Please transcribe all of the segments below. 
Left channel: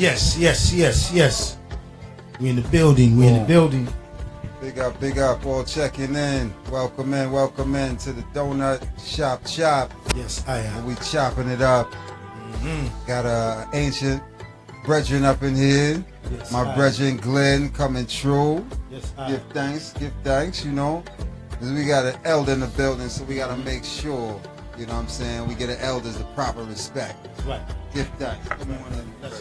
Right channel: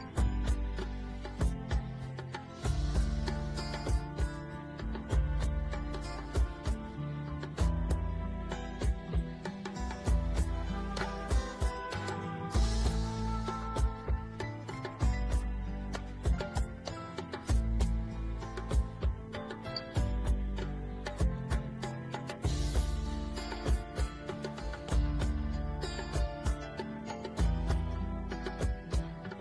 Yes, yes, yes, yes. We in the building. We in the building. Big up, all checking in. Welcome in to the Doughnut Chop. Yes, I am. And we chopping it up. Got a ancient brethren up in here. Yes, My brethren Glenn coming true. Yes, I Give thanks, you know. 'Cause we got an elder in the building, so we gotta make sure, you know what I'm saying, we get an elders the proper respect. That's right. Give thanks. Come on in. That's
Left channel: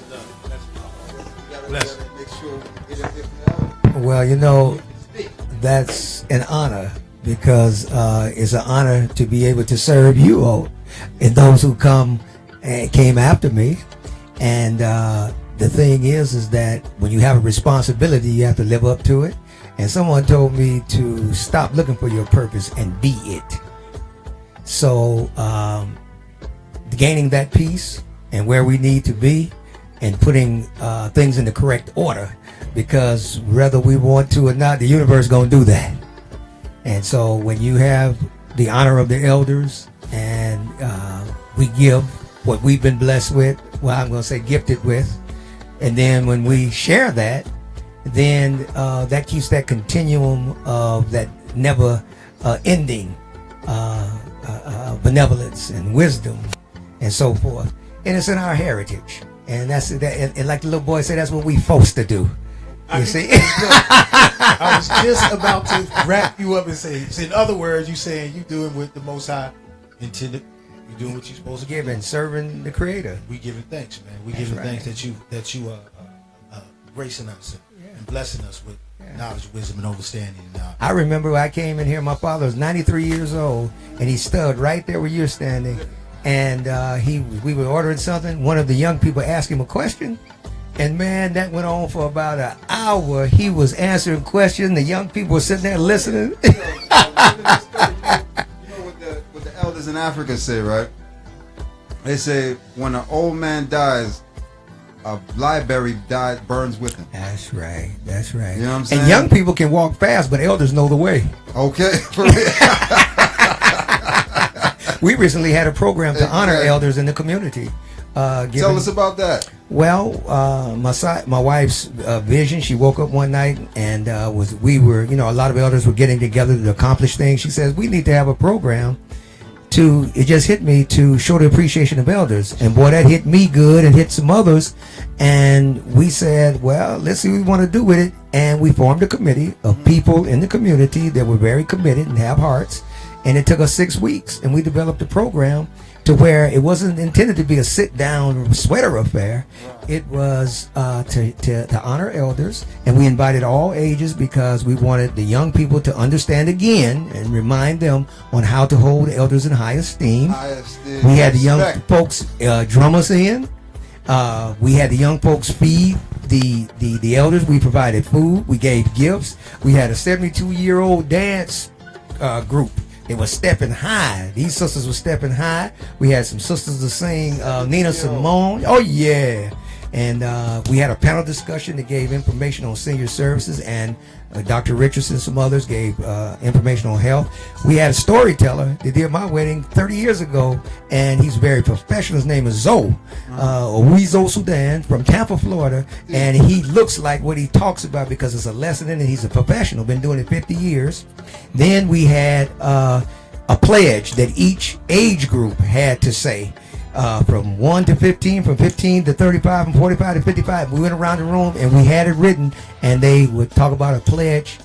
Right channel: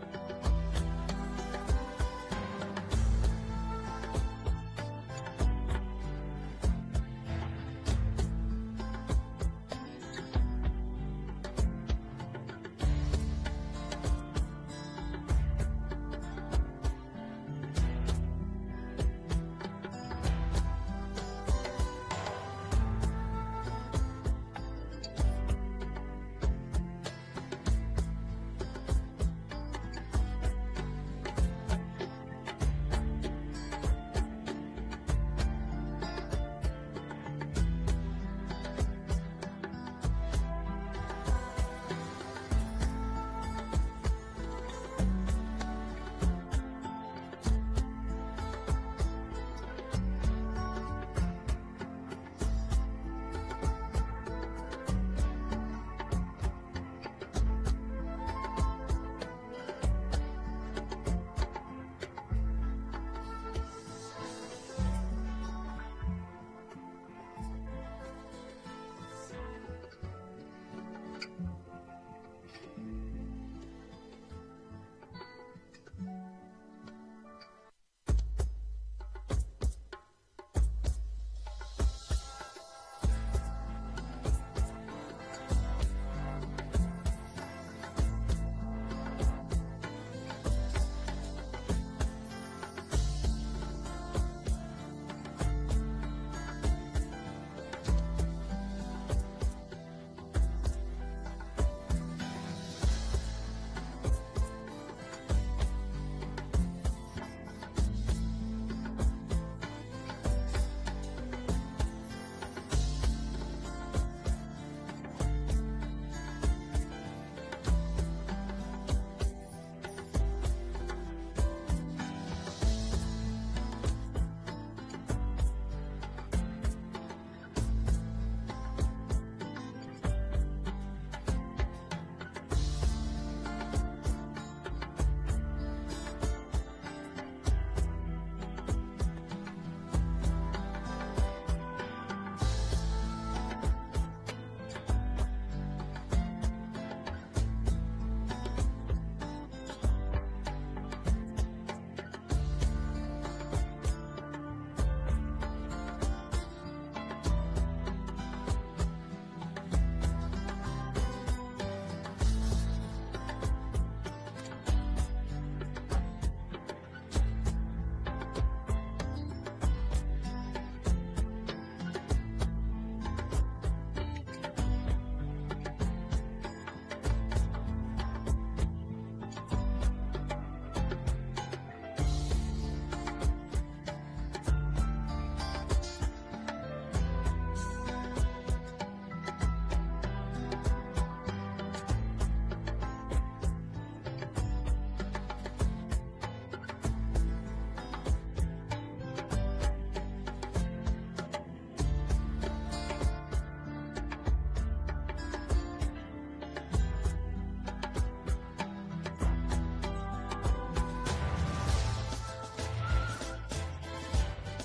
Bless. Bless. Make sure we get an elder. Well, you know, that's an honor because it's an honor to be able to serve you all and those who came after me. And the thing is that when you have a responsibility, you have to live up to it. And someone told me to stop looking for your purpose and be it. So gaining that peace and where we need to be and putting things in the correct order, because whether we want to or not, the universe is going to do that. And so when you have the honor of the elders and we give what we've been blessed with, well, I'm going to say gifted with, and then when we share that, then that keeps that continuum of that never ending benevolence and wisdom and so forth. And it's in our heritage. And that's that. And like the little boy said, that's what we supposed to do. You see? I was just about to wrap you up and say, in other words, you saying you doing what the Most High intended. You doing what you're supposed to do. Giving, serving the Creator. We giving thanks, man. We That's giving right. thanks that you gracing us and blessing us with knowledge, wisdom, and understanding. I remember when I came in here, my father was 93 years old, and he stood right there where you're standing. And we were ordering something. One of the young people asked him a question. And man, that went on for about an hour. He was answering questions. The young people were sitting there listening. You know what the elders in Africa say, right? They say when an old man dies, a library burns with him. That's right. That's right. You know what I'm saying? And young people can walk fast, but elders know the way. Okay. For real. We recently had a program to honor Exactly. elders in the community. Tell us about that. Well, my wife's vision. She woke up one night and we were, a lot of elders were getting together to accomplish things. She says we need to have a program it just hit me to show the appreciation of elders. And boy, that hit me good and hit some others. And we said, well, let's see what we want to do with it. And we formed a committee of people in the community that were very committed and have hearts. And it took us 6 weeks, and we developed a program to where it wasn't intended to be a sit-down sweater affair. It was to honor elders, and we invited all ages because we wanted the young people to understand again and remind them on how to hold elders in high esteem. We had the young folks drum us in. We had the young folks feed the elders. We provided food. We gave gifts. We had a 72-year-old dance group. They were stepping high. These sisters were stepping high. We had some sisters to sing Nina Simone. Oh, yeah. And we had a panel discussion that gave information on senior services, and Dr. Richardson and some others gave information on health. We had a storyteller that did my wedding 30 years ago, and he's very professional. His name is Zoe, Owezo Sudan from Tampa, Florida, and he looks like what he talks about because it's a lesson in it. He's a professional, been doing it 50 years. Then we had a pledge that each age group had to say. From 1 to 15, from 15 to 35, and 45 to 55. We went around the room and we had it written, and they would talk about a pledge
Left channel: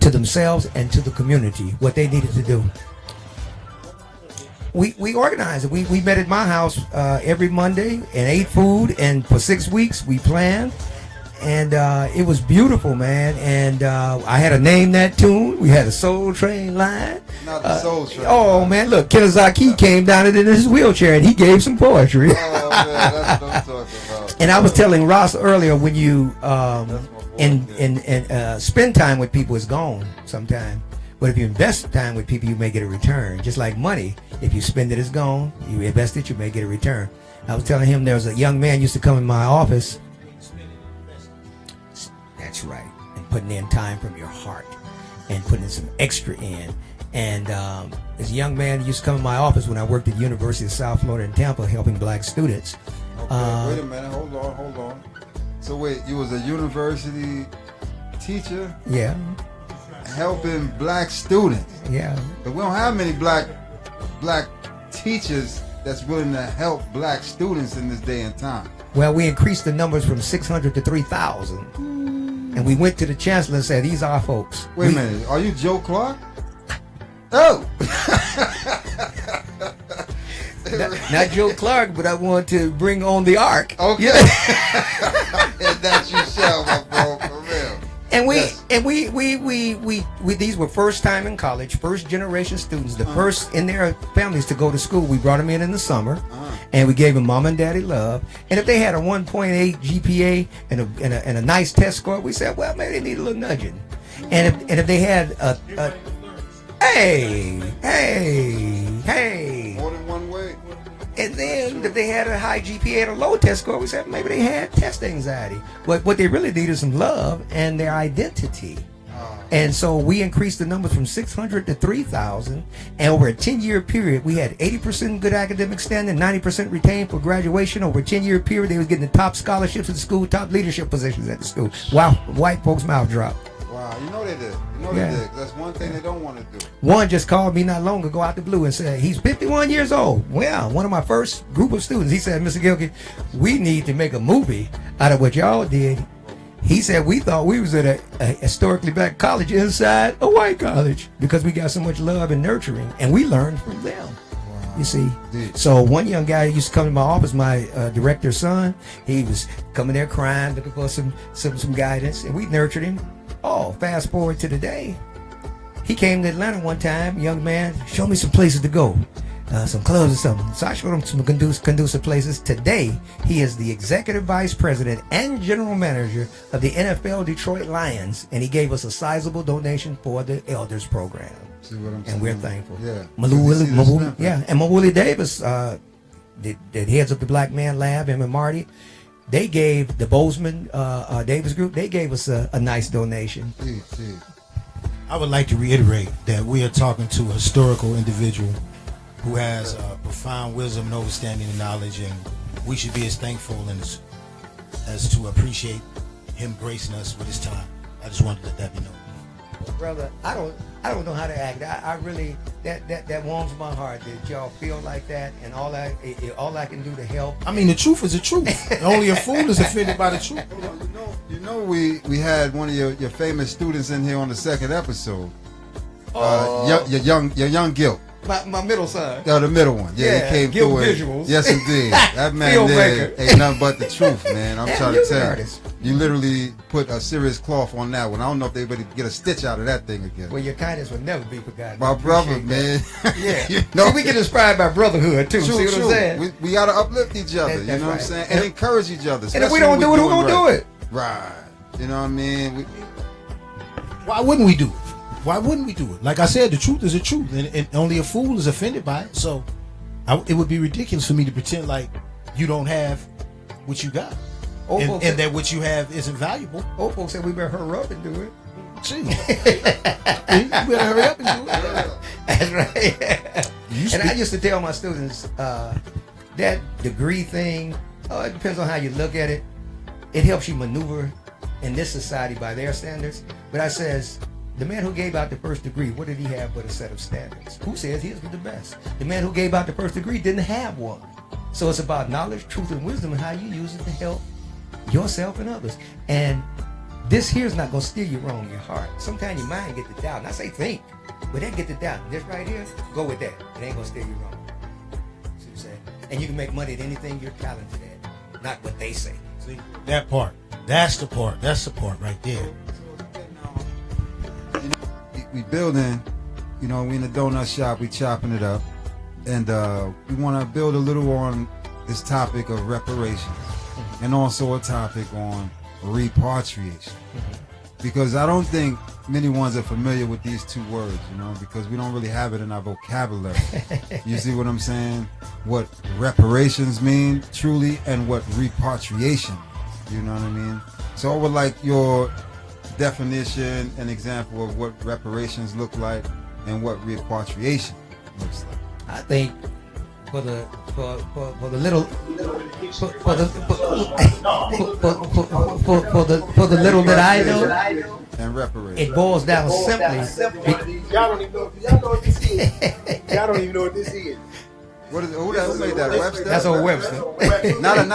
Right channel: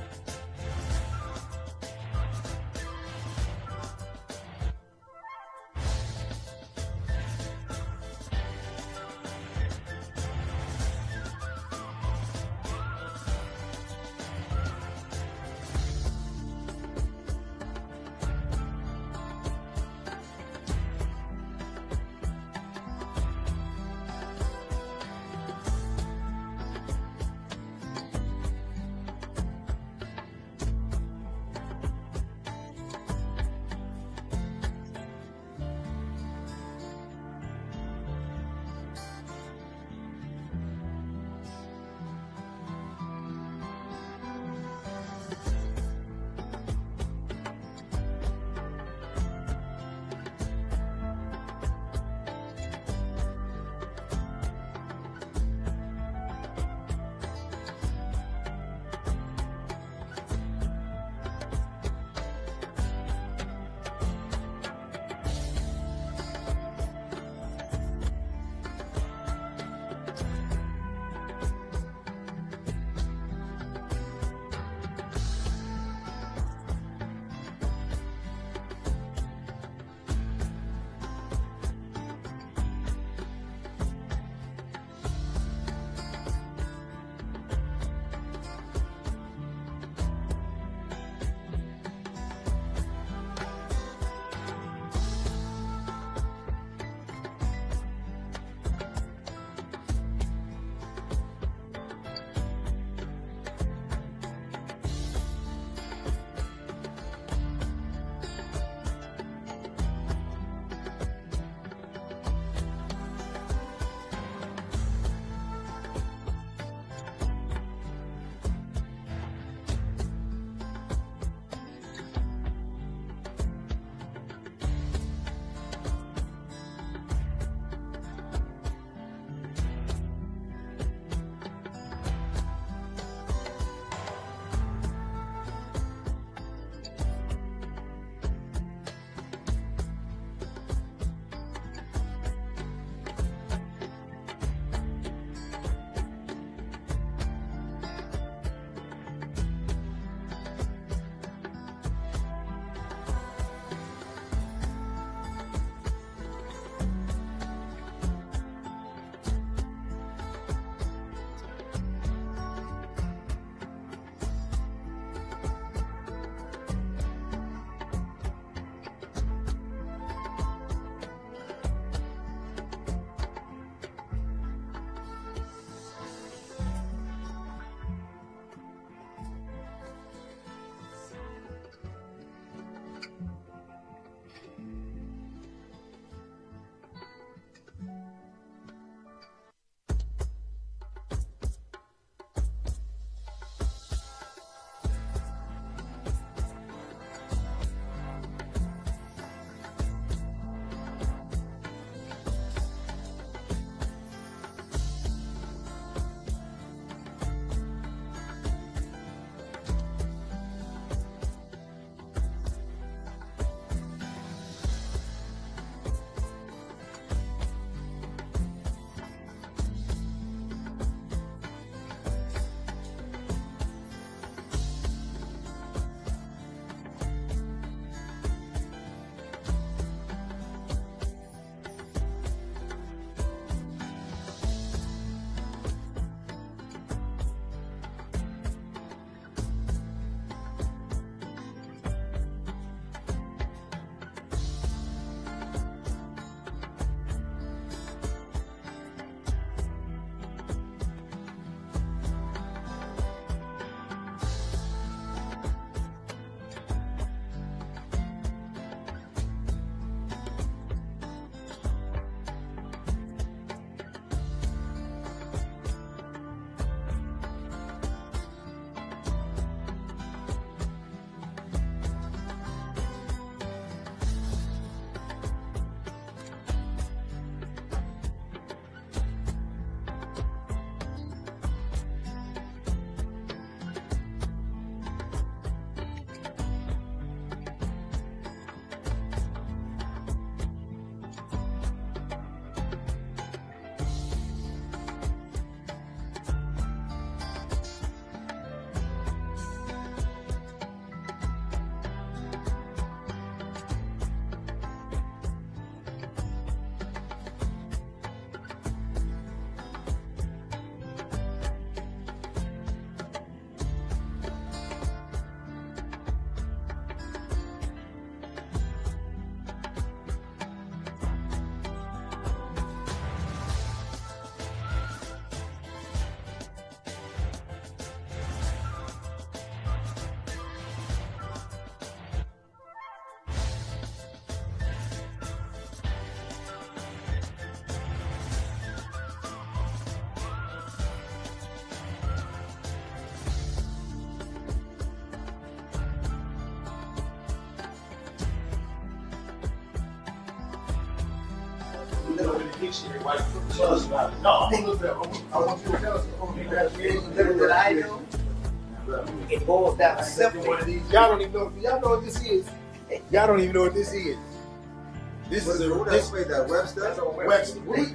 to themselves and to the community, what they needed to do. We organized it. We met at my house every Monday and ate food, and for 6 weeks we planned. And it was beautiful, man. And I had to name that tune. We had a Soul Train line. Not the Soul Train. Oh, man, look, Kenazaki came down in his wheelchair, and he gave some poetry. Oh, man, that's what I'm talking about. And I was telling Ross earlier, when you spend time with people, it's gone sometime. But if you invest time with people, you may get a return. Just like money, if you spend it, it's gone. You invest it, you may get a return. I was telling him there was a young man used to come in my office. That's right. And putting in time from your heart and putting some extra in. And this young man used to come in my office when I worked at the University of South Florida in Tampa helping black students. Wait a minute, hold on. So wait, you was a university teacher Yeah, helping black students. yeah. But we don't have many black teachers that's willing to help black students in this day and time. Well, we increased the numbers from 600 to 3,000. And we went to the chancellor and said, these are our folks. Wait a minute, are you Joe Clark? Oh! Not Joe Clark, but I want to bring on the ark. Okay. And that you shall, my bro, for real. And Yes. we these were first time in college, first generation students, the first in their families to go to school. We brought them in the summer, and we gave them mom and daddy love. And if they had a 1.8 GPA and a nice test score, we said, well, maybe they need a little nudging. And if they had a hey. More than one way. And then if they had a high GPA and a low test score, we said maybe they had test anxiety. But what they really need is some love and their identity. And so we increased the numbers from 600 to 3,000. And over a 10-year period, we had 80% good academic standing, 90% retained for graduation. Over a 10-year period, they was getting the top scholarships at the school, top leadership positions at the school. Wow, white folks' mouth dropped. Wow, you know they did. Yeah. They did. That's one thing they don't want to do. One just called me not long ago out the blue and said, he's 51 years old. Well, one of my first group of students, he said, Mr. Gilkey, we need to make a movie out of what y'all did. He said, we thought we was at a historically black college inside a white college because we got so much love and nurturing, and we learned from them. You see, so one young guy used to come to my office, my director's son. He was coming there crying, looking for some guidance, and we nurtured him. Oh, fast forward to today. He came to Atlanta one time, young man, show me some places to go, some clubs or something. So I showed him some conducive places. Today, he is the executive vice president and general manager of the NFL Detroit Lions, and he gave us a sizable donation for the Elders program. See what I'm saying? And we're thankful. Yeah. And Mawuli Davis, that heads up the Black Man Lab, him and Marty, they gave the Bozeman Davis group, they gave us a nice donation. I would like to reiterate that we are talking to a historical individual who has profound wisdom and understanding and knowledge, and we should be as thankful as to appreciate him gracing us with his time. I just wanted to let that be known. Brother, I don't know how to act. I really that warms my heart that y'all feel like that, and all I can do to help. I mean, the truth is the truth. Only a fool is offended by the truth. You know, we had one of your famous students in here on the second episode. Your young Gil. My middle son. The middle one. Yeah, he came Gil through it. Visuals. Yes, indeed. That man there ain't nothing but the truth, man. I'm trying to tell you. Artist. You literally put a serious cloth on that one. I don't know if they would get a stitch out of that thing again. Well, your kindness will never be forgotten. My brother, man. Yeah. You know, See, we get inspired by brotherhood too. True, See what true. I'm saying? We gotta uplift each other. You That's know what I'm right. saying? And encourage each other. And if we don't do it, who gonna do it? Right. You know what I mean? Why wouldn't we do it? Why wouldn't we do it? Like I said, the truth is the truth, and only a fool is offended by it. So it would be ridiculous for me to pretend like you don't have what you got, and that what you have isn't valuable. Old folks said we better hurry up and do it. Gee, you better hurry up and do it. That's right. And I used to tell my students that degree thing, it depends on how you look at it. It helps you maneuver in this society by their standards. But I says, the man who gave out the first degree, what did he have but a set of standards? Who says his was the best? The man who gave out the first degree didn't have one. So it's about knowledge, truth, and wisdom, and how you use it to help yourself and others. And this here is not going to steer you wrong in your heart. Sometimes your mind gets to doubt. And I say think, but that get to doubt. This right here, go with that. It ain't going to steer you wrong. See what I'm saying? And you can make money at anything you're talented at, not what they say. See, that part. That's the part. That's the part right there. We building, we in the donut shop, we chopping it up, and we want to build a little on this topic of reparations, and also a topic on repatriation, because I don't think many ones are familiar with these two words, because we don't really have it in our vocabulary. You see what I'm saying? What reparations mean truly, and what repatriation, you know what I mean? So I would like your definition and example of what reparations look like and what repatriation looks like. I think for for the little for the little that I know, And reparate. it boils down simply. Y'all don't even know. Y'all know what this is. Y'all don't even know what this is. What is, who does say that? Webster? That's a Webster. Not an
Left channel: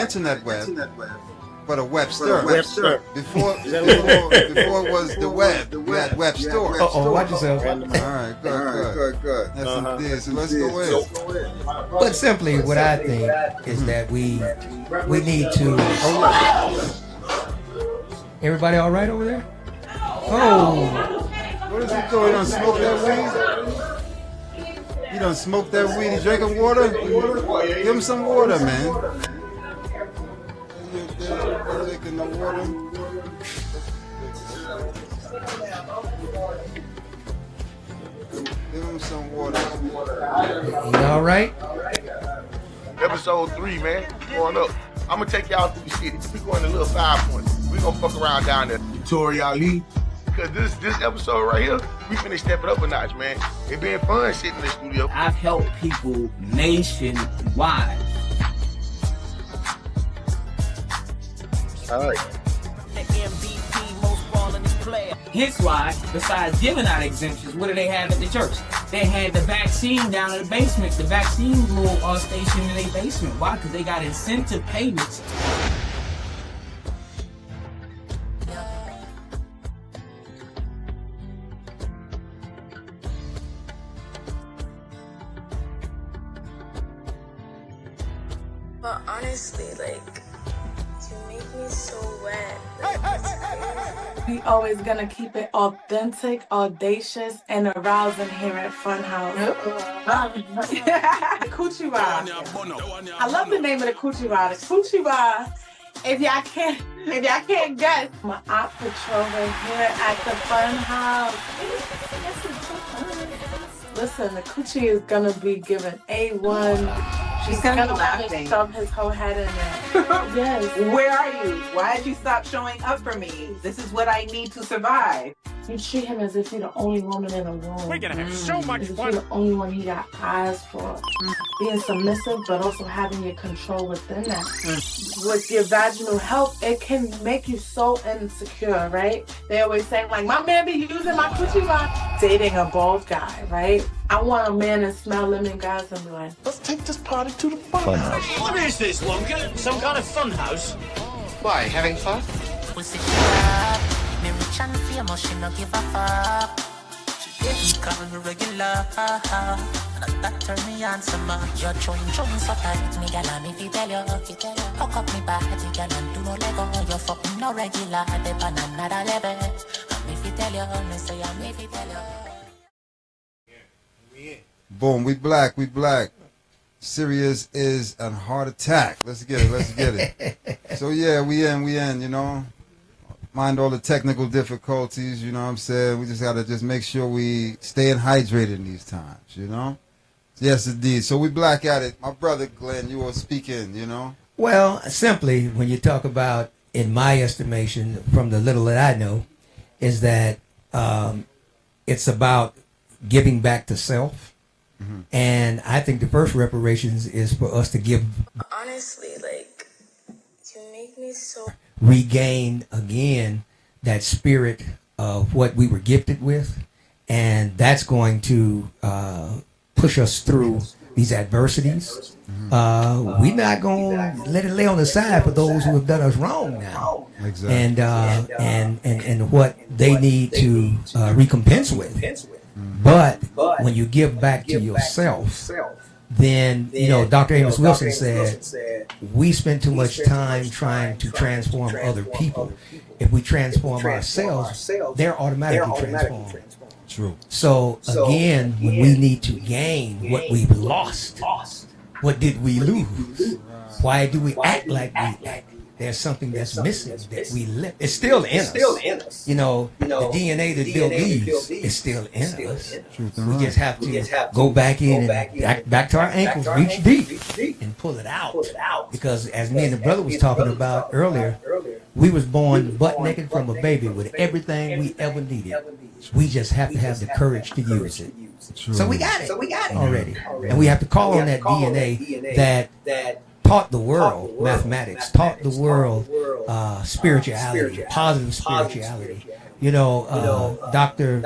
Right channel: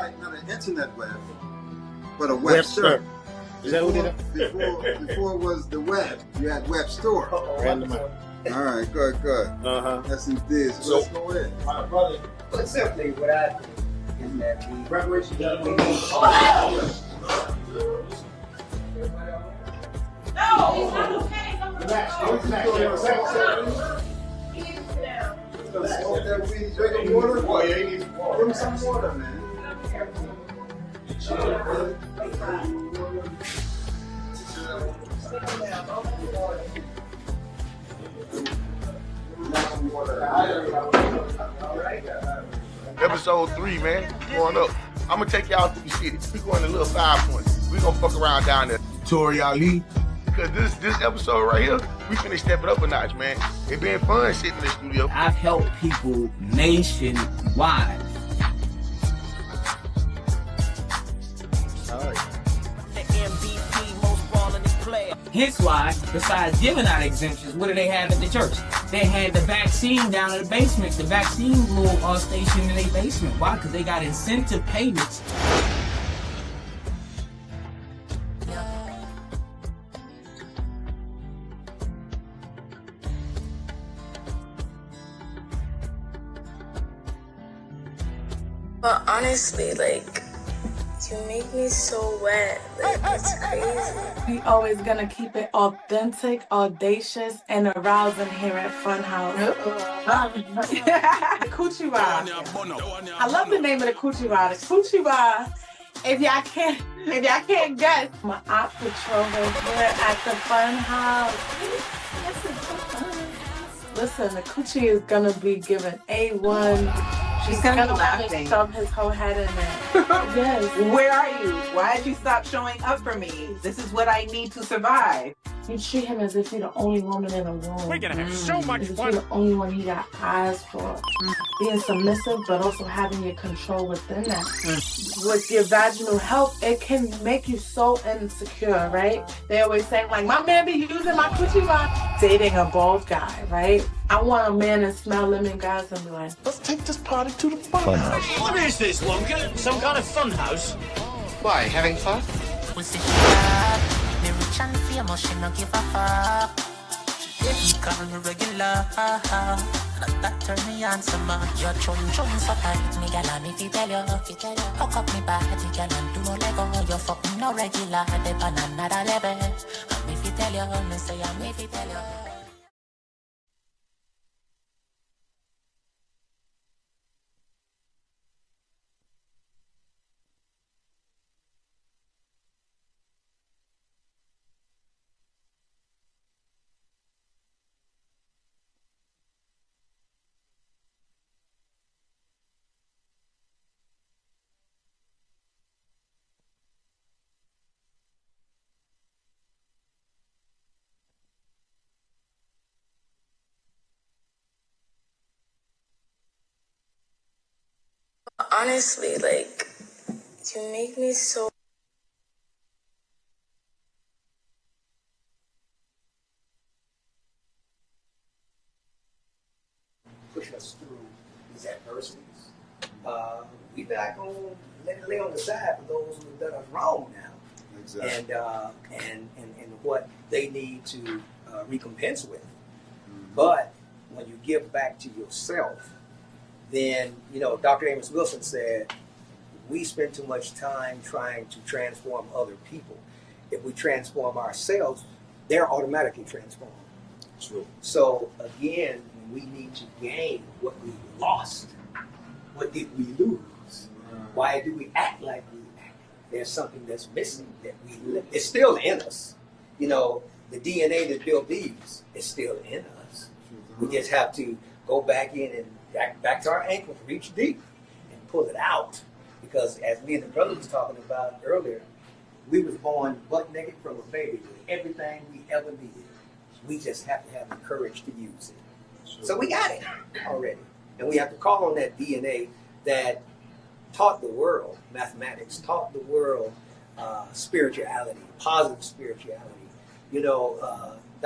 internet web, but a Webster. Webster. Before it was the web. Webster. Oh, watch yourself. All right, good. That's So, But simply, what I think is that we need to. Everybody all right over there? Oh, You done smoked that weed and drinking water? Give him some water, man. Give him some water. you all right? Episode 3, man. Going up. I'm gonna take y'all through the city. We going to little 5 points. We gonna fuck around down there. Tori Ali. Cause this episode right here, we finna step it up a notch, man. It been fun sitting in the studio. I've helped people nationwide. All right. The MVP, most ballin' player. Hence why, besides giving out exemptions, what do they have at the church? They had the vaccine down in the basement. The vaccine little station in their basement. Why? Because they got incentive payments. But honestly, like, you make me so wet. Like, it's crazy. We always gonna keep it authentic, audacious, and arousing here at Funhouse. Coochie Ride. I love the name of the Coochie Ride. The Coochie Ride. If y'all can't guess, my Aunt Petrova here at the Funhouse. Listen, the Coochie is gonna be given A1. She's gonna be laughing. Shove his whole head in it. Yes. Where are you? Why did you stop showing up for me? This is what I need to survive. You treat him as if you're the only woman in the room. We're gonna have so much As if fun. you're the only one he got eyes for. Being submissive, but also having your control within that. With your vaginal health, it can make you so insecure, right? They always say, like, my man be using my coochie rod. Dating a bald guy, right? I want a man to smell lemon guys and be like, Let's take this party to the fun house. What is this, Wonka? Some kind of fun house? Why? Having fun? Pussy she up. Me rich and famous, she no give a fuck. She call me regular. And that turn me on some your chun so tight. Me gal me fi tell you. Hook up me body, gal, and do no lego. You fucking no regular. They on another level. And me fi tell you. Me say I me fi tell you. Boom, we black. Serious is a heart attack. Let's get it. So yeah, we in, you know. Mind all the technical difficulties, you know what I'm saying? We just gotta just make sure we staying hydrated in these times, you know? Yes, indeed. So we black at it. My brother Glenn, you were speaking, you know? Well, simply, when you talk about, in my estimation, from the little that I know, is that it's about giving back to self. Mm-hmm. And I think the first reparations is for us to give. Honestly, like, you make me so... Regain again that spirit of what we were gifted with, and that's going to push us through these adversities. We're not going to let it lay on the side for those who have done us wrong now. Exactly. And what they need to recompense with. But when you give back to yourself, then, you know, Dr. Amos Wilson said, we spend too much time trying to transform other people. If we transform ourselves, they're automatically transformed. True. So again, we need to gain what we've lost. What did we lose? Why do we act like we there's something that's missing that we live. It's still in us. You know, the DNA that Bill leaves is still in us. We just have to go back in and back to our ankles, reach deep, and pull it out. Because as me and the brother was talking about earlier, we was born butt naked from a baby with everything we ever needed. We just have to have the courage to use it. So we got it already. And we have to call on that DNA that taught the world mathematics, taught the world spirituality, positive spirituality. You know, Dr.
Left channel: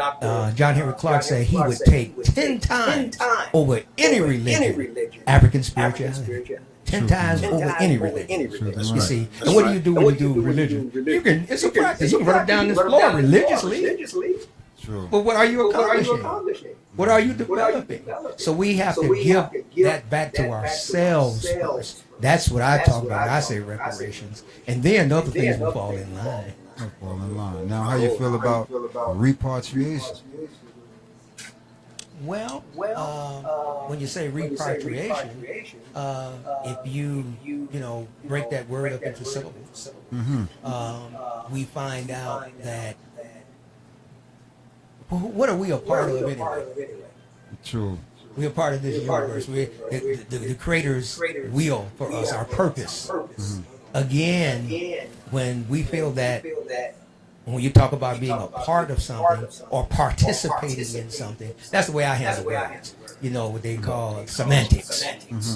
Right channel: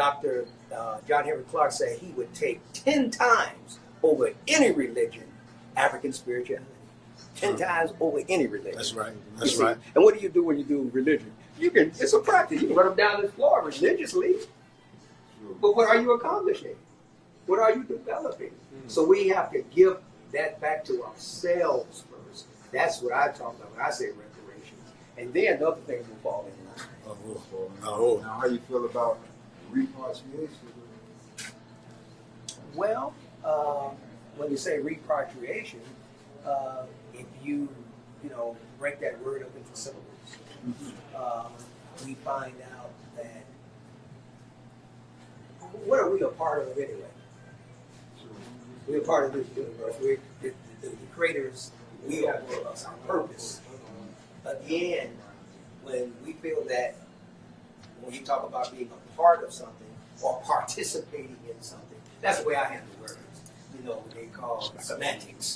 John Henry Clark said he would take 10 times over any religion, African spirituality. 10 times over any religion. You see, and what do you do when you do religion? It's a practice. You can run down this floor religiously. True. But what are you accomplishing? What are you developing? So we have to give that back to ourselves first. That's what I talk about. I say reparations, and then other things will fall in line. Now, how you feel about repatriation? Well, when you say repatriation, if you break that word up into syllables, we find out that. What are we a part of anyway? True. We're a part of this universe. The Creator's will for us, our purpose. Again, when we feel that, when you talk about being a part of something or participating in something, that's the way I handle it. You know, what they call semantics.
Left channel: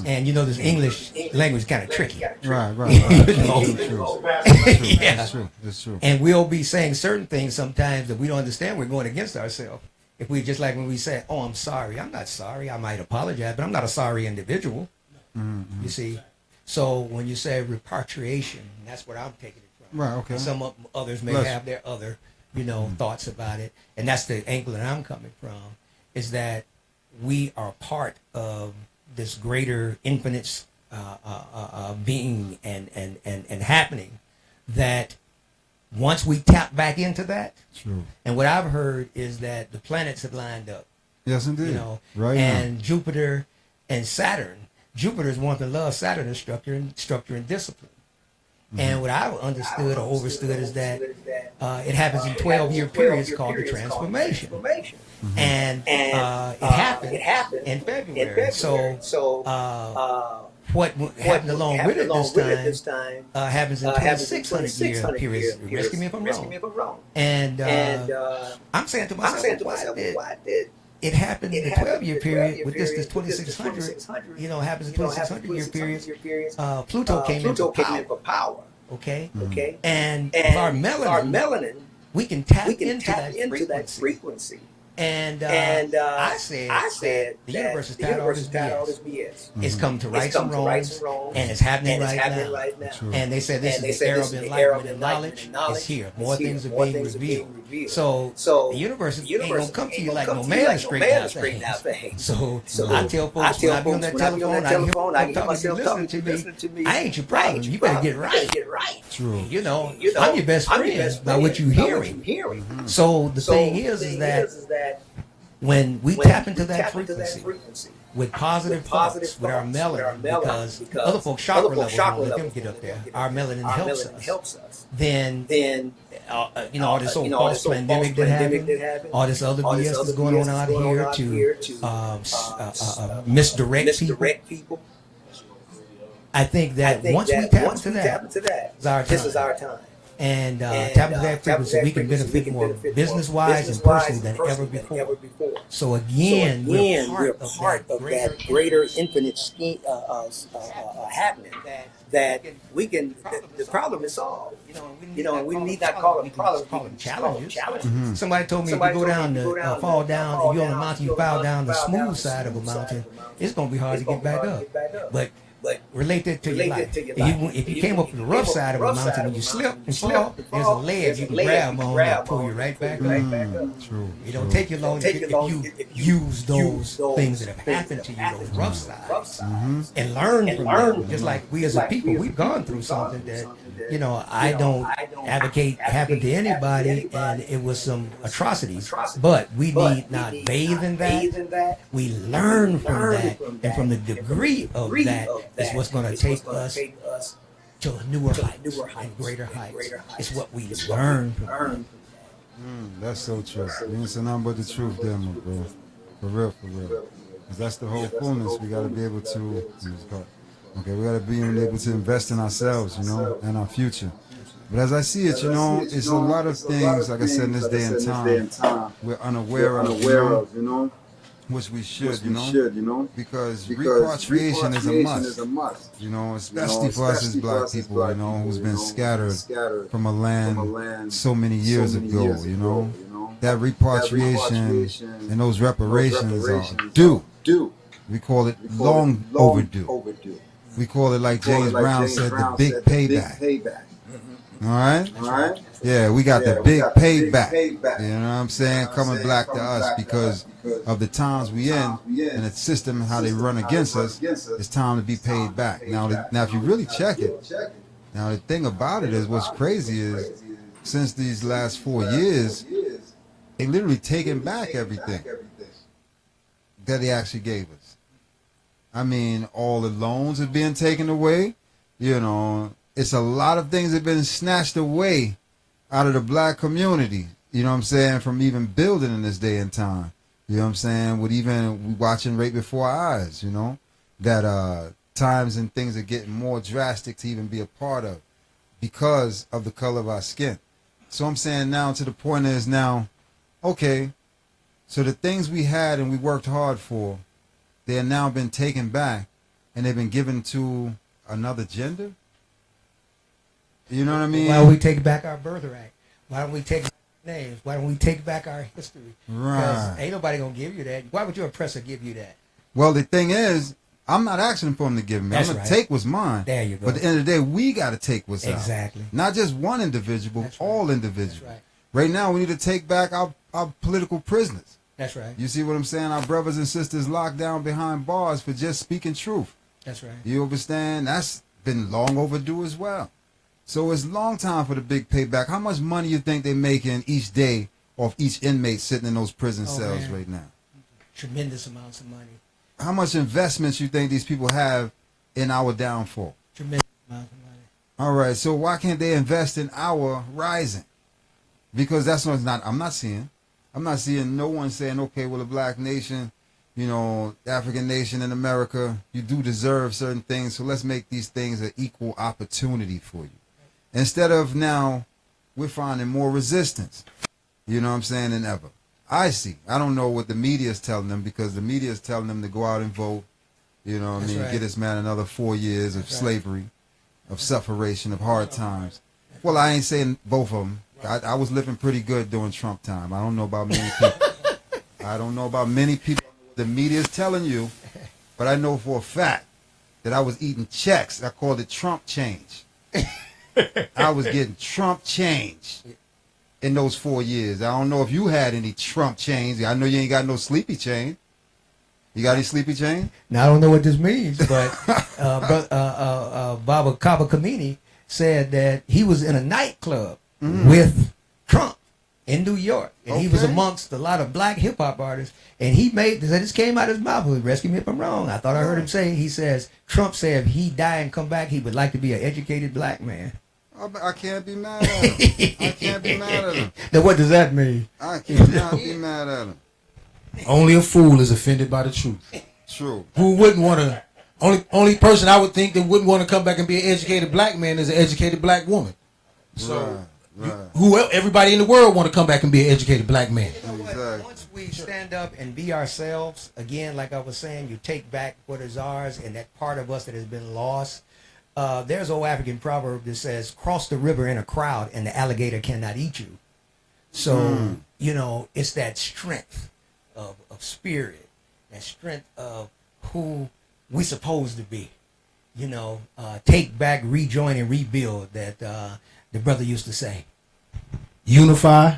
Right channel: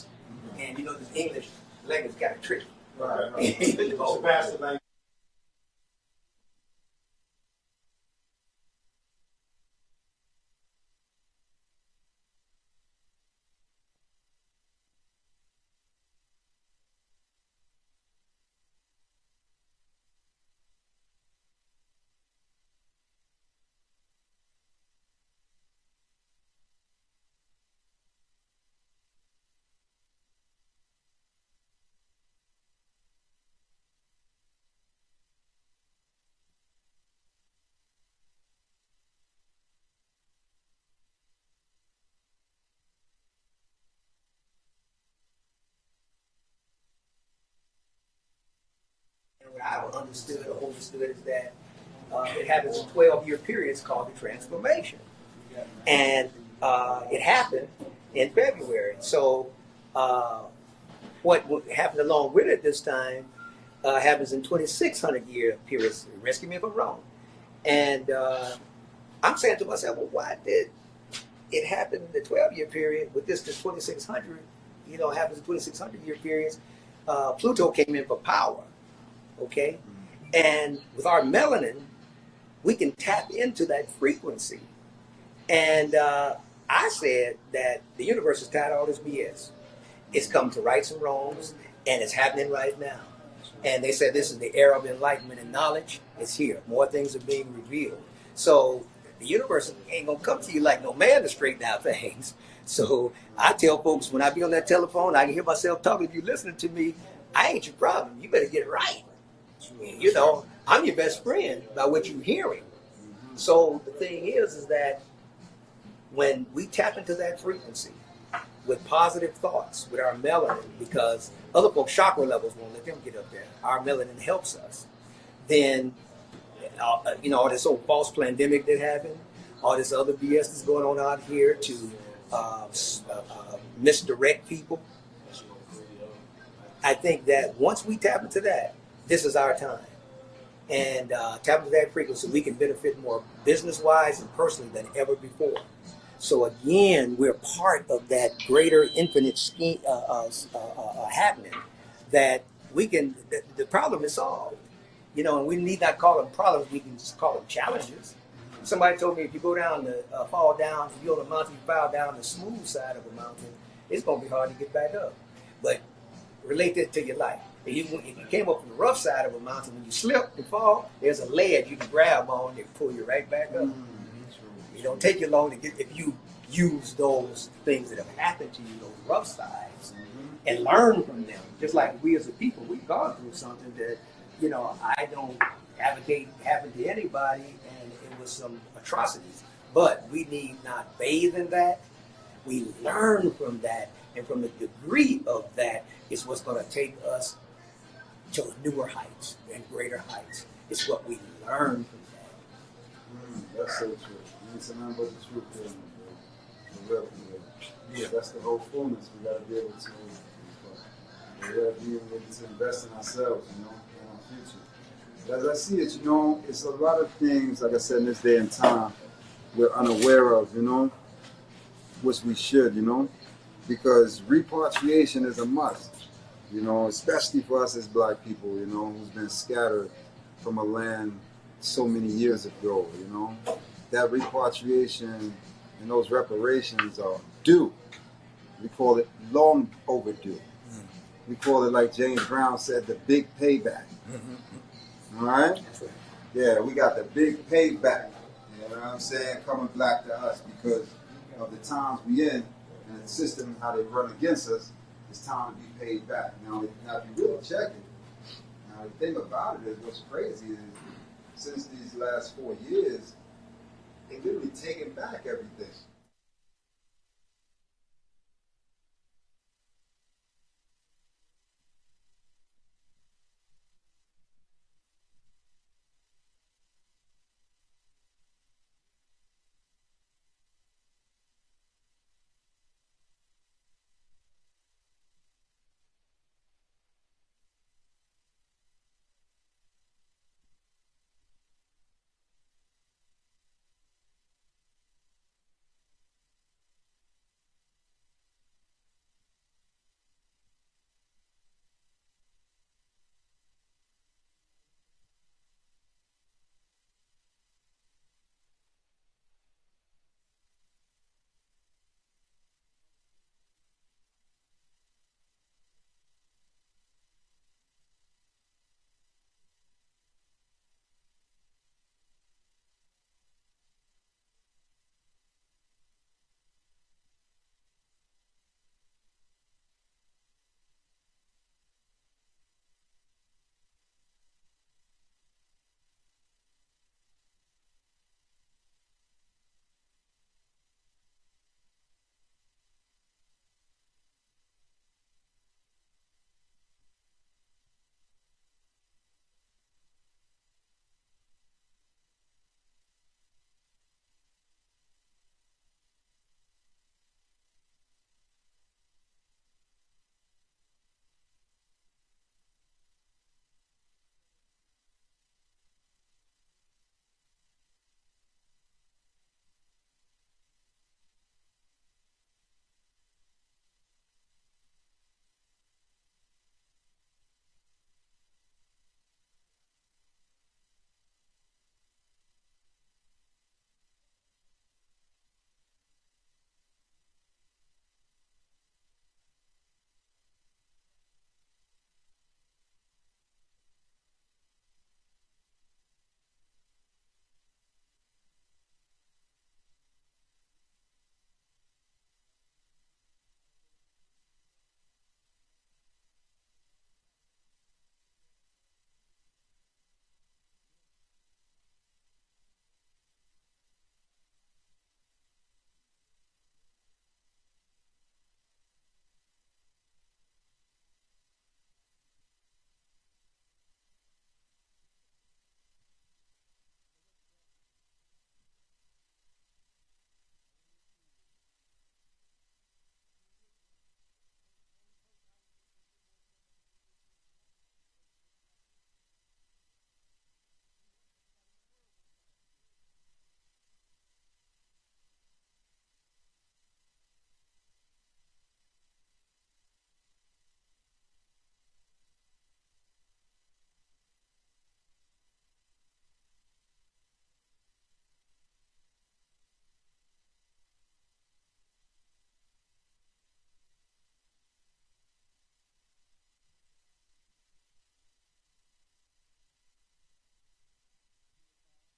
And you know, this English language is kind of tricky. Right. Yeah. That's true. And we'll be saying certain things sometimes that we don't understand. We're going against ourselves. If we just like when we say, "Oh, I'm sorry," I'm not sorry. I might apologize, but I'm not a sorry individual. You see. So when you say repatriation, that's what I'm taking it from. Right. Okay. Some others may have their other, thoughts about it, and that's the angle that I'm coming from. Is that we are part of this greater infinite being and happening that once we tap back into that, true. And what I've heard is that the planets have lined up. Yes, indeed. Right. And Jupiter and Saturn. Jupiter is one that loves Saturn is structure and discipline. And what I understood or overstood is that it happens in 12-year periods called the transformation. And it happened in February. So what happened along with it this time happens in 2600 year period. Rescue me if I'm wrong. And I'm saying to myself, why did it happened in the 12-year period with this 2600, happens in 2600 year periods. Pluto came in for power. Okay. And our melanin, we can tap into that frequency. And I said that the universe has got all this BS. It's come to rights and wrongs, and it's happening right now. And they said this is the era of enlightenment and knowledge. It's here. More things are being revealed. So the universe ain't gonna come to you like no man to straighten out things. So I tell folks when I be on that telephone, I can hear myself talking to you, listening to me. I ain't your problem. You better get right. True. You know, I'm your best friend by what you hearing. So the thing is that when we tap into that frequency with positive thoughts, with our melanin, because other folks' chakra levels get up there, our melanin helps us. Then all this old false pandemic that happened, all this other BS that's going on out here to misdirect people. I think that once we tap into that, this is our time. And tap into that frequency, we can benefit business-wise and personally than ever before. So again, we're part of that greater infinite scheme happening that we can. The problem is solved. And we need not call them problems. We can call them challenges. Somebody told me if you go down, fall down, you're on a mountain, you fall down the smooth side of a mountain. It's going to be hard to get back up. But related to your life. If you came up from the rough side of the mountain and you slip, there's a ledge you can grab on and pull you right back up. It don't take you long if you use those things that have happened to you, those rough sides, and learn from them. Just like we as a people, we've gone through something that, I don't advocate happen to anybody, and it was some atrocities. But we need not bathe in that. We learn from that, and from the degree of that is what's going to take us to a newer height, greater heights. It's what we learn. That's so true. You ain't saying nothing but the truth there, my bro. For real, for real. 'Cause that's the whole fullness. We gotta be able to. Okay, we gotta be able to invest in ourselves, you know, and our future. But as I see it, you know, it's a lot of things, like I said, in this day and time, we're unaware of, you know, which we should, you know, because repatriation is a must, you know, especially for us as black people, you know, who's been scattered from a land so many years ago, you know. That repatriation and those reparations are due. We call it long overdue. We call it, like James Brown said, the big payback. All right? Yeah, we got the big payback. You know what I'm saying? Coming back to us because of the times we in and the system and how they run against us. It's time to be paid back. Now, if you really check it, now the thing about it is what's crazy is since these last 4 years, they literally taken back everything that they actually gave us. I mean, all the loans are being taken away. You know, it's a lot of things that have been snatched away out of the black community. You know what I'm saying? From even building in this day and time. You know what I'm saying? With even watching right before our eyes, you know, that times and things are getting more drastic to even be a part of because of the color of our skin. So I'm saying now to the point is now, okay, so the things we had and we worked hard for, they have now been taken back and they've been given to another gender. You know what I mean? Why don't we take back our birthright? Why don't we take back our names? Why don't we take back our history? Right. Because ain't nobody going to give you that. Why would your oppressor give you that? Well, the thing is, I'm not asking for him to give me. That's I'm going right. to take what's mine. There you go. But at the end of the day, we got to take what's Exactly. out. Not just one individual, That's all right. individuals. That's right. Right now, we need to take back our political prisoners. That's right. You see what I'm saying? Our brothers and sisters locked down behind bars for just speaking truth. That's right. You understand? That's been long overdue as well. So it's long time for the big payback. How much money you think they're making each day off each inmate sitting in those prison cells man. right now? Tremendous amounts of money. How much investments you think these people have in our downfall? Tremendous amounts of money. All right, so why can't they invest in our rising? Because that's what's not. I'm not seeing no one saying, okay, well, the black nation, you know, the African nation in America, you do deserve certain things, so let's make these things an equal opportunity for you. Instead of now, we're finding more resistance, you know what I'm saying, than ever. I don't know what the media is telling them, because the media is telling them to go out and vote, you know what I mean, right. get this man another 4 years of slavery, of sufferation, of hard times. Well, I ain't saying both of them. I was living pretty good during Trump time. I don't know about many people. I don't know about many people. The media is telling you, but I know for a fact that I was eating checks. I called it Trump change. I was getting Trump change in those 4 years. I don't know if you had any Trump change. I know you ain't got no sleepy chain. You got any sleepy chain? Now, I don't know what this means, but Baba Kaba Kamini said that he was in a nightclub with Trump in New York, and he was amongst a lot of black hip hop artists, and he made this came out of his mouth. Rescue me if I'm wrong. I thought I heard him say, he says Trump said if he die and come back, he would like to be an educated black man. I can't be mad at him. I can't be mad at him. Now, what does that mean? I cannot be mad at him. Only a fool is offended by the truth. True. Who wouldn't want to? Only person I would think that wouldn't want to come back and be an educated black man is an educated black woman. So, everybody in the world want to come back and be an educated black man. Exactly. Once we stand up and be ourselves again, like I was saying, you take back what is ours and that part of us that has been lost. There's an old African proverb that says, cross the river in a crowd and the alligator cannot eat you. So, you know, it's that strength of spirit, that strength of who we supposed to be. You know, take back, rejoin, and rebuild that the brother used to say. Unify,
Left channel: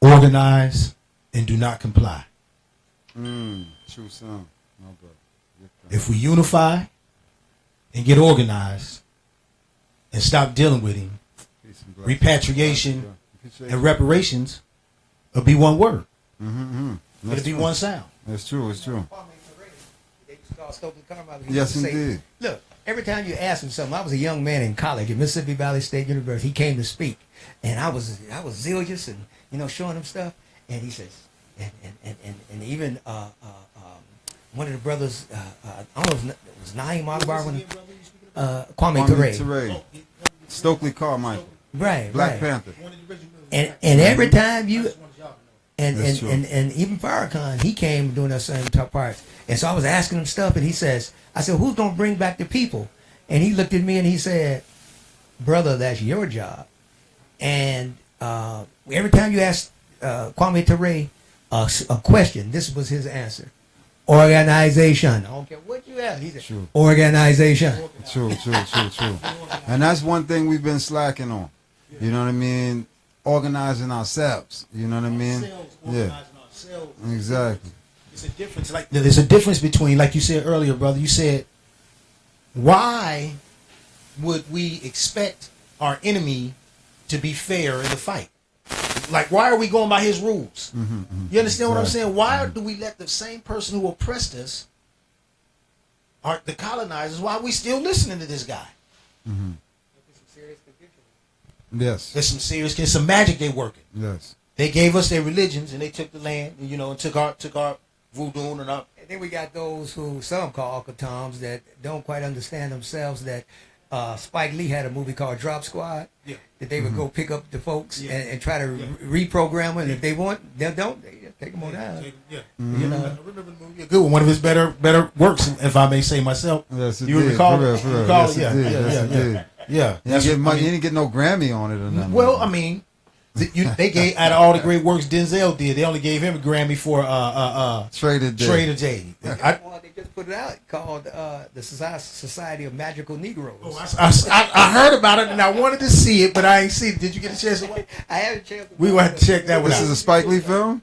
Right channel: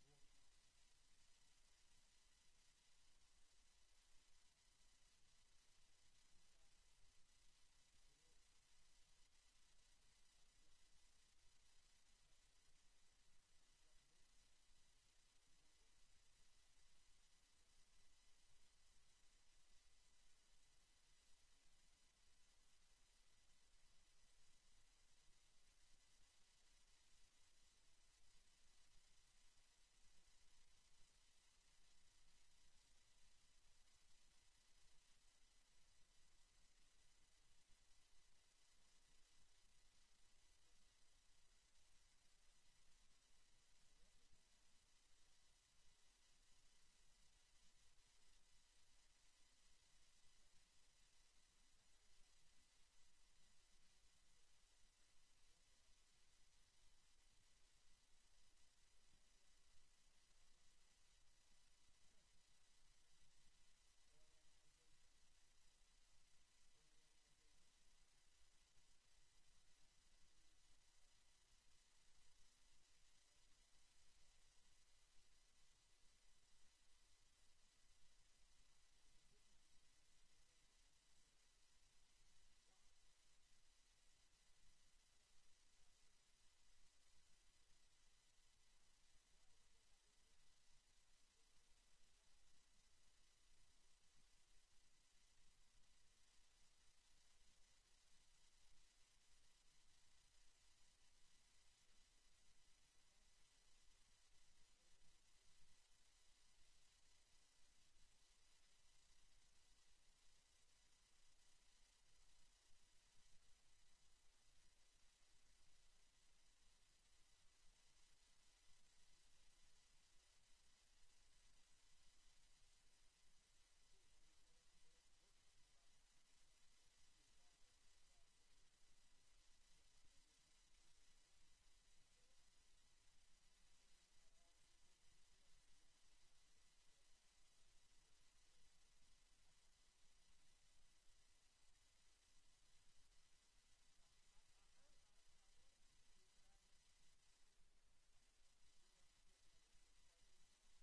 organize, and do not comply. True son. No, bro. If we unify and get organized and stop dealing with him, repatriation and reparations will be one word. It'll be one sound. That's true. It's true. They used to call Stokely Carmichael. He Yes, used to say, indeed. look, every time you ask him something, I was a young man in college at Mississippi Valley State University. He came to speak, and I was zealous and showing him stuff, and he says, and even one of the brothers, I don't know, it was Naeem Akbar, Kwame Ture. Stokely Carmichael. Right, Black Panther. And every time you and even Farrakhan, he came doing that same top parts. And so I was asking him stuff, and I said, who's gonna bring back the people? And he looked at me and he said, brother, that's your job. And every time you ask Kwame Ture a question, this was his answer. Organization. I don't care what you ask. He said, True. Organization. True. And that's one thing we've been slacking on. You know what I mean? Organizing ourselves. You know what I mean? Yeah. Exactly. It's a difference. Like there's a difference between, like you said earlier, brother. You said, why would we expect our enemy to be fair in the fight? Like, why are we going by his rules? You understand what I'm saying? Why do we let the same person who oppressed us, the colonizers, why are we still listening to this guy? Yes. There's some magic they working. Yes. They gave us their religions and they took the land, and took our voodoo and our. And then we got those who some call Uncle Toms that don't quite understand themselves that Spike Lee had a movie called Drop Squad. Yeah. That they would go pick up the folks and try to reprogram them. And if they want, they just take them on down. Yeah. I remember the movie. A good one. One of his better works, if I may say myself. Yes, it you did. recall For it? real. Recall Yes, it? it did. Yeah. You didn't get no Grammy on it or nothing. Well, I mean, they gave, out of all the great works Denzel did, they only gave him a Grammy for Trader J. They just put it out called the Society of Magical Negroes. Oh, I heard about it and I wanted to see it, but I ain't seen it. Did you get a chance to watch it? I had a chance. We want to check that one out. This is a Spike Lee film?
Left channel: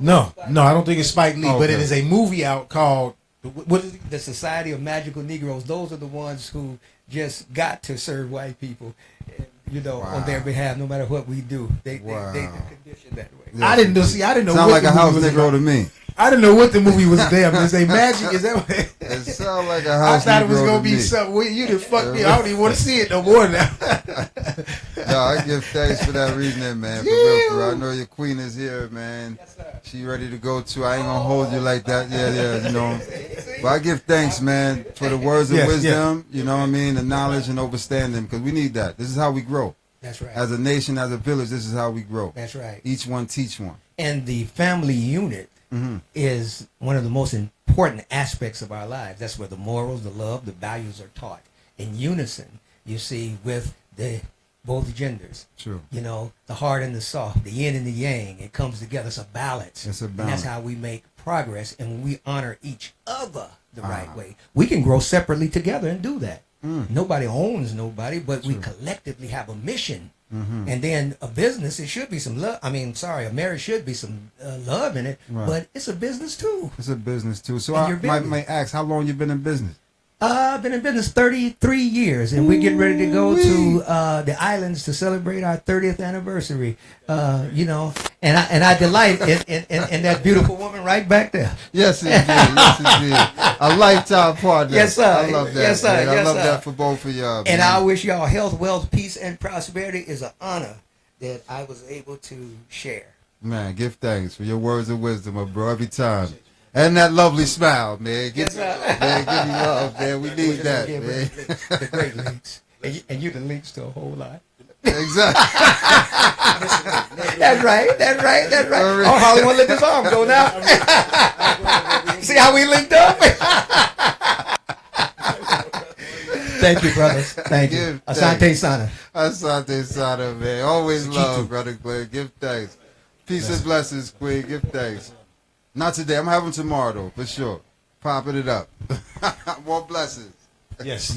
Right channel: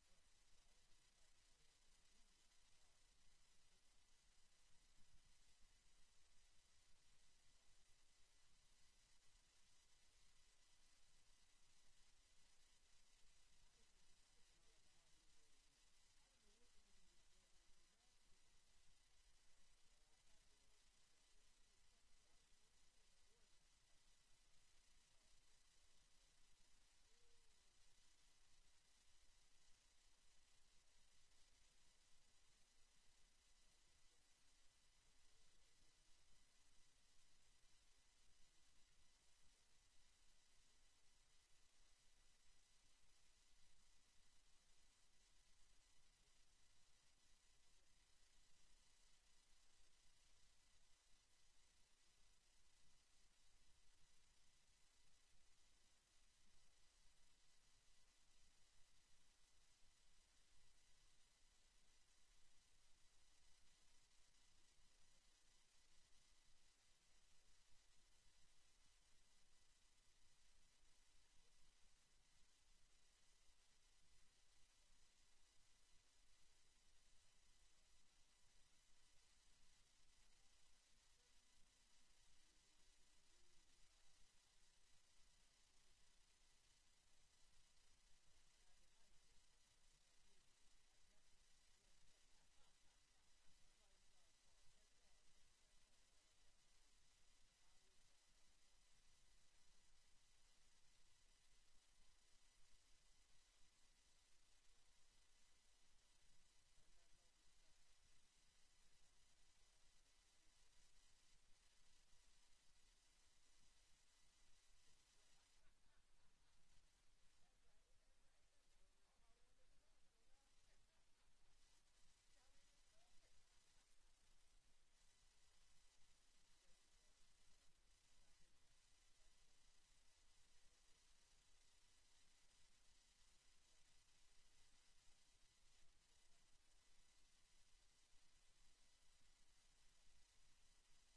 No, I don't think it's Spike Lee, but it is a movie out called what is it? The Society of Magical Negroes. Those are the ones who just got to serve white people, on their behalf, no matter what we do. They conditioned that way. Yeah. I didn't know. Sound like a house was Negro to me. I didn't know what the movie was. Damn, is they magic? Is that what it sound like a house? I thought it was gonna be me. something. You done fucked me. I don't even want to see it no more now. No, I give thanks for that reasoning, man. For real. I know your queen is here, man. Yes, sir. She ready to go too. I ain't gonna hold you like that. Yeah. But I give thanks, man, for the words of wisdom. You know what I mean? The knowledge and understanding, because we need that. This is how we grow. That's right. As a nation, as a village, this is how we grow. That's right. Each one teach one. And the family unit is one of the most important aspects of our lives. That's where the morals, the love, the values are taught in unison. You see, with both genders. True. The hard and the soft, the yin and the yang. It comes together. It's a balance. It's a balance. And that's how we make progress. And when we honor each other the right way, we can grow separately together and do that. Nobody owns nobody, but we collectively have a mission. And then a business, it should be some love. A marriage should be some love in it, but it's a business too. It's a business too. So I might ask, how long you been in business? I've been in business 33 years, and we're getting ready to go to the islands to celebrate our 30th anniversary. And I delight in that beautiful woman right back there. Yes, indeed. A lifetime partner. Yes, sir. I love that. Yes, sir. Man. Yes, I love sir. that for both of y'all. And man. I wish y'all health, wealth, peace, and prosperity. Is an honor that I was able to share. Man, give thanks for your words of wisdom, my bro, every time. And that lovely smile, man. Yes, sir. Man, give me love, man. We need that, Yeah, man. The great links. And you the links to a whole lot. Exactly. That's right. Oh, Hollywood, let this arm go now. See how we linked up? Thank you, brothers. Thank you. Asante Sana. Asante Sana, man. Always love, brother Glenn. Give thanks. Peace and blessings, Queen. Give thanks. Not today. I'm having tomorrow, though, for sure. Popping it up. More blessings. Yes,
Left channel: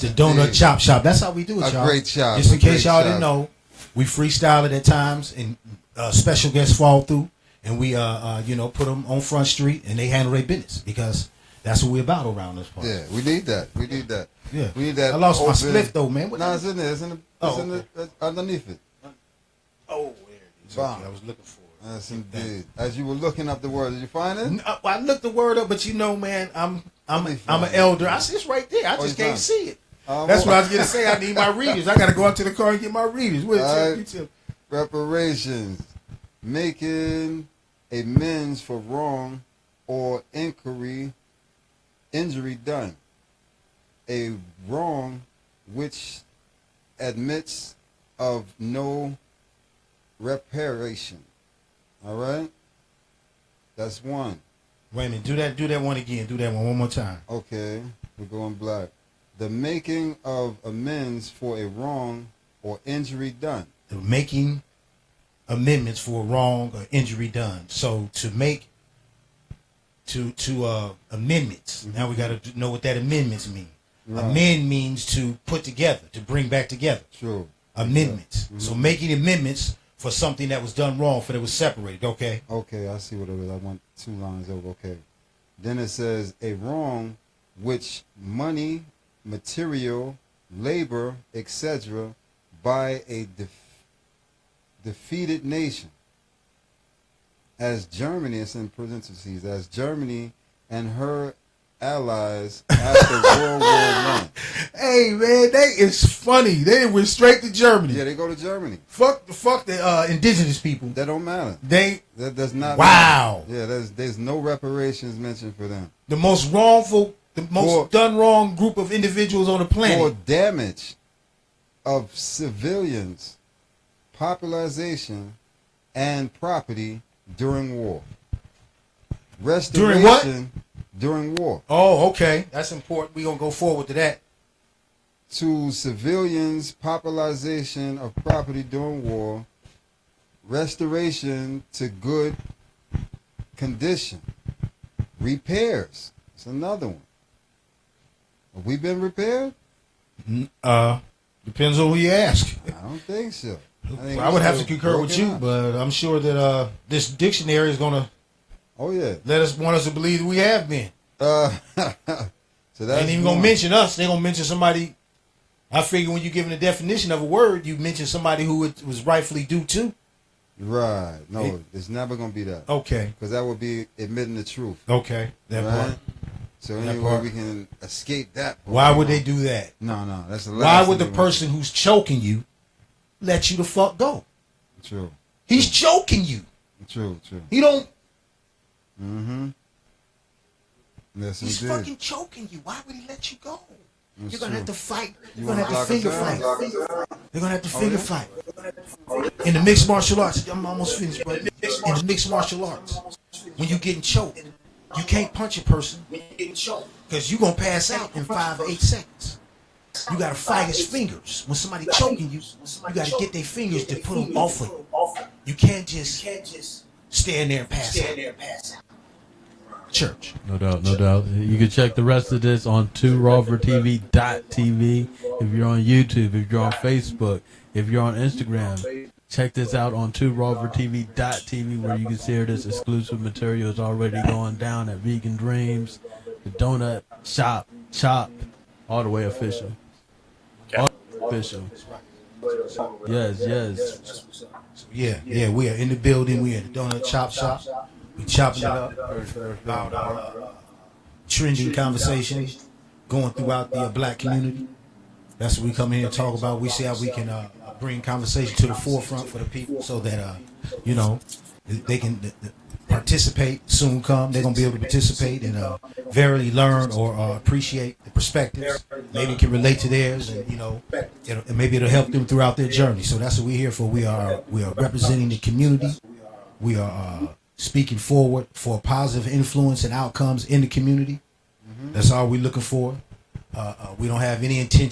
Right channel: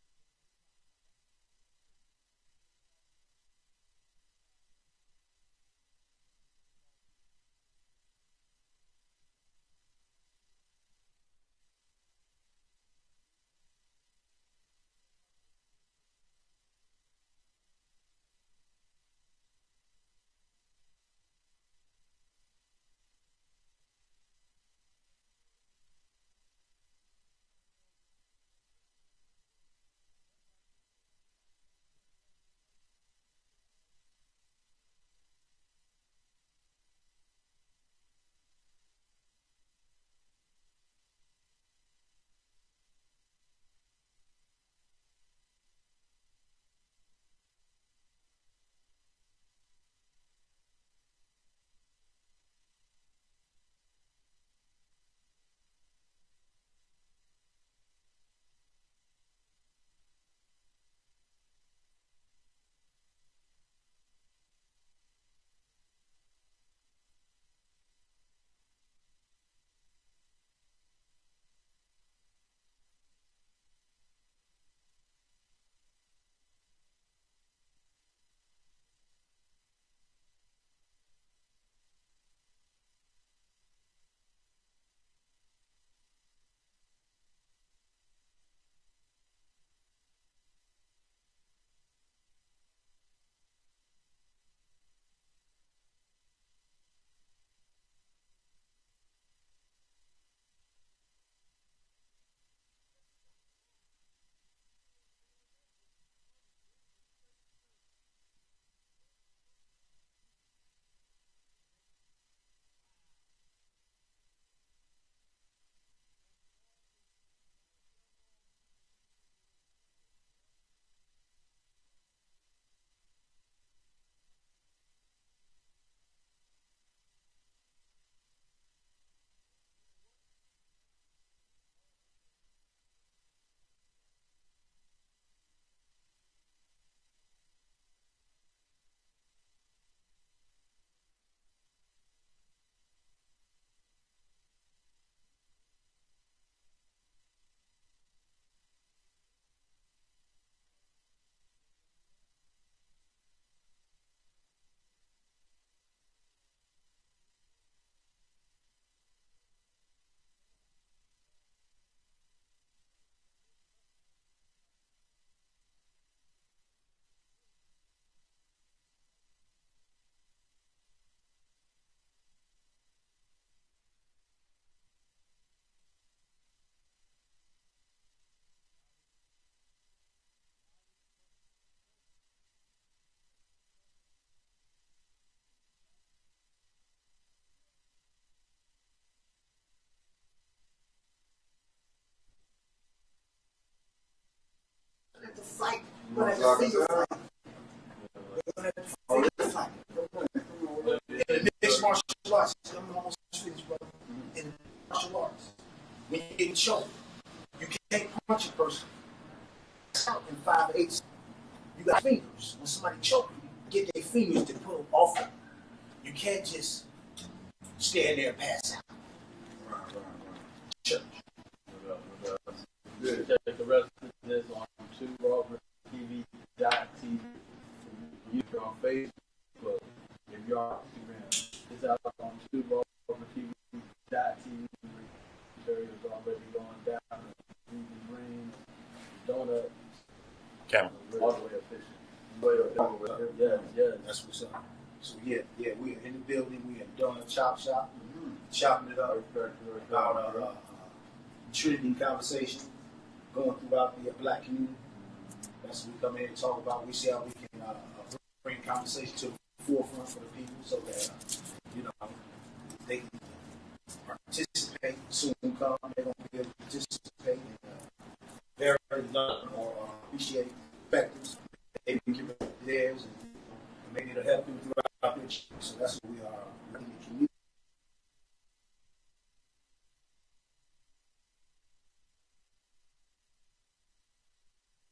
the Doughnut Chop Shop. That's how we do it, y'all. A great shop. Just in case y'all didn't know, we freestyle it at times, and special guests fall through, and we put them on Front Street, and they handle their business, because that's what we're about around this part. Yeah, we need that. Yeah. We need that. I lost my open... split though, man. No, it's in there. It's underneath it. Oh, there it is. Okay, I was looking for it. Yes, indeed. As you were looking up the word, did you find it? I looked the word up, but man, I'm I'm an elder. I see it's right there. I just can't see it. That's That's what I was gonna say. I need my readers. I gotta go out to the car and get my readers. Reparations, making amends for wrong or injury done. A wrong which admits of no reparation. All right? That's one. Wait a minute. Do that one again. Do that one more time. Okay, we're going black. The making of amends for a wrong or injury done. The making amendments for a wrong or injury done. So to make amendments. Now we got to know what that amendments mean. Right. Amend means to put together, to bring back together. True. Amendments. So making amendments for something that was done wrong, for that was separated. Okay. Okay, I see what it is. I want 2 lines over. Okay. Then it says a wrong which money, material, labor, etc. by a defeated nation. As Germany, it's in parentheses, as Germany and her allies after World War I. Hey man, it's funny. They went straight to Germany. Yeah, they go to Germany. Fuck the indigenous people. That don't matter. That does not Wow. matter. Yeah, there's no reparations mentioned for them. The most wrongful, the most done wrong group of individuals on the planet. For damage of civilians, population, and property during war. Restoration During what? During war. Oh, okay. That's important. We're going to go forward to that. To civilians, population of property during war, restoration to good condition, repairs. It's another one. Have we been repaired? Depends on who you ask. I don't think so. I would have to concur with you, but I'm sure that this dictionary is going to want us to believe that we have been. So that's ain't even going to mention us. They're going to mention somebody. I figure when you're giving a definition of a word, you mention somebody who it was rightfully due to. Right. No, it's never going to be that. Okay. Because that would be admitting the truth. Okay. That part. So anyway, we can escape that. Why would they do that? No, that's the last. Why would the person who's choking you let you the fuck go? True. He's choking you. True. He don't. Mm-hmm. Yes, He's indeed. fucking choking you. Why would he let you go? That's You're gonna have to fight. You're You gonna wanna have to block finger us fight. out? They're gonna have to finger fight. In the mixed martial arts, I'm almost finished. But in the mixed martial arts, when you're getting choked, you can't punch a person because you're gonna pass out in 5 or 8 seconds. You gotta fight his fingers. When somebody choking you, you gotta get their fingers to put them off of you. You can't just stand there and pass out. Church. No doubt. You can check the rest of this on 2rawvertv.tv. If you're on YouTube, if you're on Facebook, if you're on Instagram, check this out on 2rawvertv.tv where you can see this exclusive material is already going down at Vegan Dreams, the Doughnut Shop, all the way official. Official. Yes. Yeah, we are in the building. We at the Doughnut Shop. We chopping it up about trending conversation going throughout the black community. That's what we come in here and talk about. We see how we can bring conversation to the forefront for the people so that, they can participate soon come. They're going to be able to participate and verily learn or appreciate the perspectives. Maybe can relate to theirs and, and maybe it'll help them throughout their journey. So that's what we're here for. We are representing the community. We are speaking forward for positive influence and outcomes in the community. That's all we're looking for. We don't have any intention